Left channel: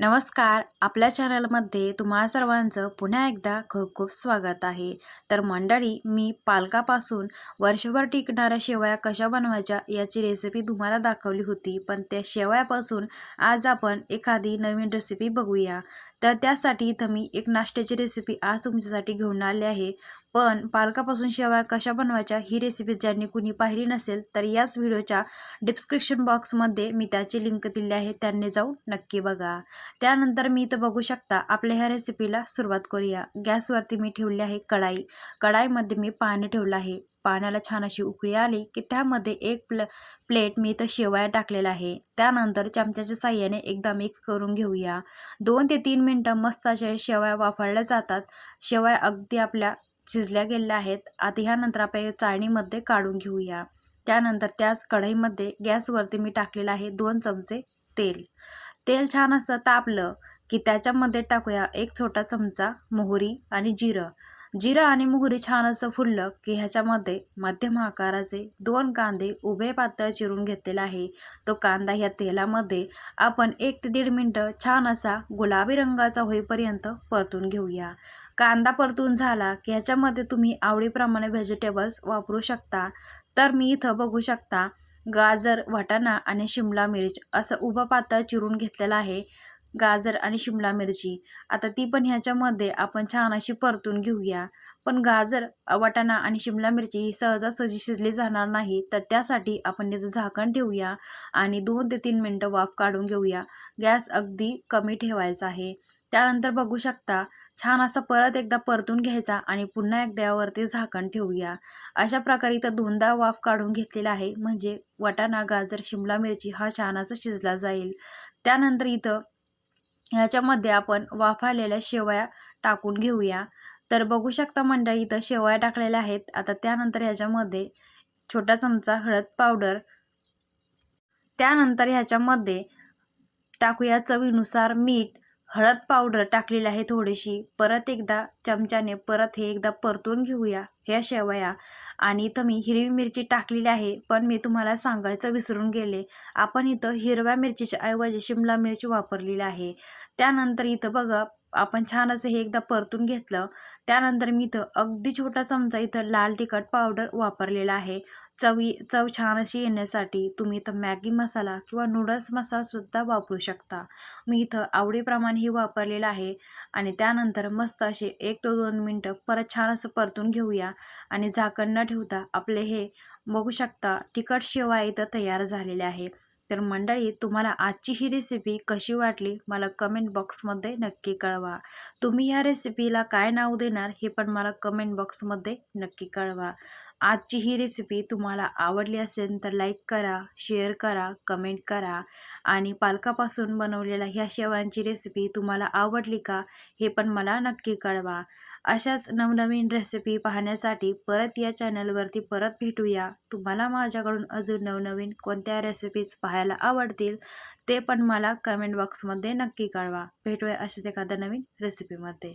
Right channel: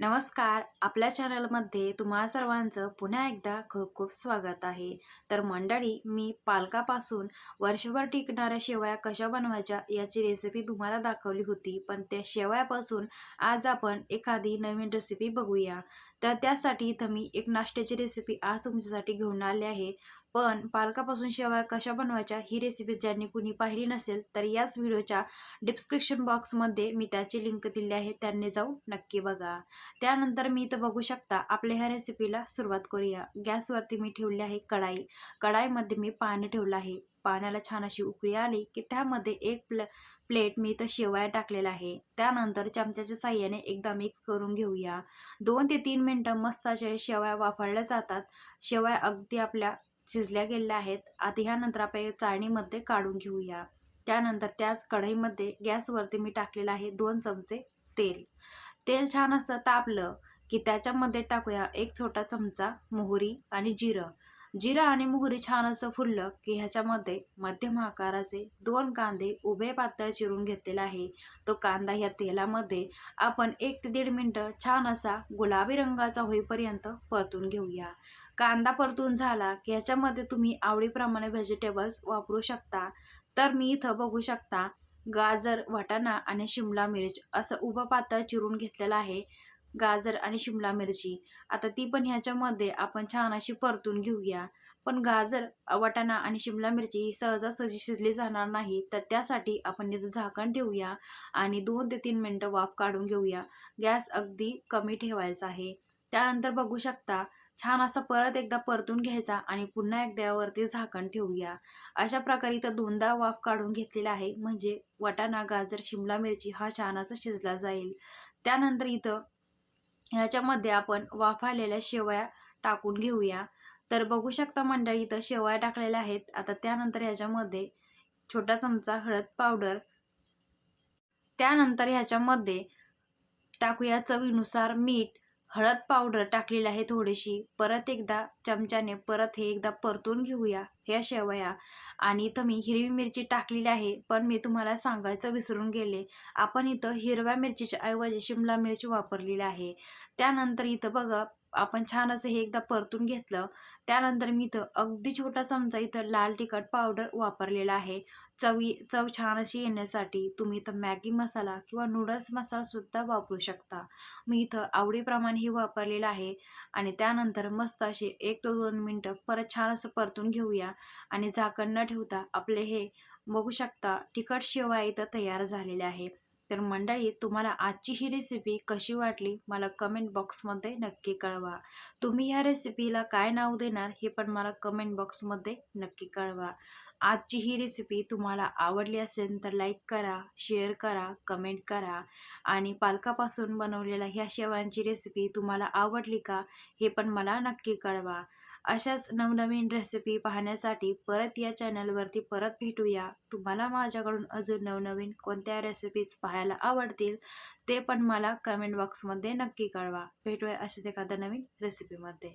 नमस्कार. आपल्या चॅनलमध्ये तुम्हा सर्वांचं पुन्हा एकदा खूप खूप स्वागत आहे. तर मंडळी मी पालकापासून वर्षभर टिकणाऱ्या शेवया कशा बनवायच्या याची रेसिपी तुम्हाला दाखवली होती. पण त्या शेवयापासून आज आपण एखादी नवीन रेसिपी बघूया. तर त्यासाठी इथं मी एक नाश्त्याची रेसिपी आज तुमच्यासाठी घेऊन आली आहे. पण पालकापासून शेवया कशा बनवायच्या ही रेसिपी ज्यांनी कुणी पाहिली नसेल तर याच व्हिडिओच्या डिस्क्रिप्शन बॉक्समध्ये मी त्याची लिंक दिली आहे त्यांनी जाऊन नक्की बघा. त्यानंतर मी इथं बघू शकता आपल्या ह्या रेसिपीला सुरुवात करूया. गॅसवरती मी ठेवली आहे कढाई. कढाईमध्ये मी पाणी ठेवलं आहे. पाण्याला छान अशी उकळी आली की त्यामध्ये एक प्ल प्लेट मी इथं शेवया टाकलेला आहे. त्यानंतर चमच्याच्या साह्याने एकदा मिक्स करून घेऊया. दोन ते तीन मिनटं मस्त अशा शेवया वाफळल्या जातात. शेवया अगदी आपल्या शिजल्या गेलेल्या आहेत. आता ह्यानंतर आपण चाळणीमध्ये काढून घेऊया. त्यानंतर त्याच कढईमध्ये गॅसवरती मी टाकलेलं आहे दोन चमचे तेल. तेल छान असं तापलं की त्याच्यामध्ये टाकूया एक छोटा चमचा मोहरी आणि जिरं. जिरं आणि मोहरी छान असं फुललं की ह्याच्यामध्ये मध्यम आकाराचे दोन कांदे उभे पातळ चिरून घेतलेला आहे. तो कांदा ह्या तेलामध्ये आपण एक ते दीड मिनटं छान असा गुलाबी रंगाचा होईपर्यंत परतून घेऊया. कांदा परतून झाला की ह्याच्यामध्ये तुम्ही आवडीप्रमाणे व्हेजिटेबल्स वापरू शकता. तर मी इथं बघू शकता गाजर वाटाणा आणि शिमला मिरच असं उभं पातळ चिरून घेतलेलं आहे. गाजर आणि शिमला मिरची. आता ती पण ह्याच्यामध्ये आपण छान अशी परतून घेऊया. पण गाजर वाटाणा आणि शिमला मिरची ही सहजासहजी शिजली जाणार नाही तर त्यासाठी आपण तिथं झाकण ठेवूया आणि दोन ते तीन मिनटं वाफ काढून घेऊया. गॅस अगदी कमी ठेवायचा आहे. त्यानंतर बघू शकता छान असा परत एकदा परतून घ्यायचा आणि पुन्हा एकदा यावरती झाकण ठेवूया. अशा प्रकारे इथं दोनदा वाफ काढून घेतलेला आहे म्हणजे वटाणा गाजर शिमला मिरची हा छान असा शिजला जाईल. त्यानंतर इथं ह्याच्यामध्ये आपण वाफाळलेल्या शेवया टाकून घेऊया. तर बघू शकता मंडळी इथं शेवया टाकलेल्या आहेत. आता त्यानंतर ह्याच्यामध्ये छोटा चमचा हळद पावडर. त्यानंतर ह्याच्यामध्ये टाकूया चवीनुसार मीठ. हळद पावडर टाकलेली आहे थोडीशी. परत एकदा चमच्याने परत हे एकदा परतून घेऊया ह्या शेवया. आणि इथं मी हिरवी मिरची टाकलेली आहे पण मी तुम्हाला सांगायचं विसरून गेले. आपण इथं हिरव्या मिरचीच्या ऐवजी शिमला मिरची वापरलेली आहे. त्यानंतर इथं बघा आपण छान असं हे एकदा परतून घेतलं. त्यानंतर मी इथं अगदी छोटा चमचा इथं लाल तिखट पावडर वापरलेला आहे. चवी चव छान अशी येण्यासाठी तुम्ही इथं मॅगी मसाला किंवा नूडल्स मसालासुद्धा वापरू शकता. मी इथं आवडीप्रमाणे हे वापरलेलं आहे आणि त्यानंतर मस्त असे एक ते दोन मिनटं परत छान असं परतून घेऊया आणि झाकण न ठेवता आपले हे बघू शकता तिखट शेवा इथं तयार झालेले आहे. तर मंडळी तुम्हाला आजची ही रेसिपी कशी वाटली? मला कमेंट बॉक्समध्ये नक्की कळवा. तुम्ही या रेसिपीला काय नाव देणार हे पण मला कमेंट बॉक्समध्ये नक्की कळवा. आजची ही रेसिपी तुम्हाला आवडली असेल तर लाईक करा शेअर करा कमेंट करा. आणि पालकापासून बनवलेल्या ह्या शेवांची रेसिपी तुम्हाला आवडली का हे पण मला नक्की कळवा. अशाच नवनवीन रेसिपी पाहण्यासाठी परत या चॅनलवरती परत भेटूया. तुम्हाला माझ्याकडून अजून नवनवीन कोणत्या रेसिपीज पाहायला आवडतील ते पण मला कमेंट बॉक्समध्ये नक्की कळवा. भेटूया अशाच एखाद्या नवीन रेसिपीमध्ये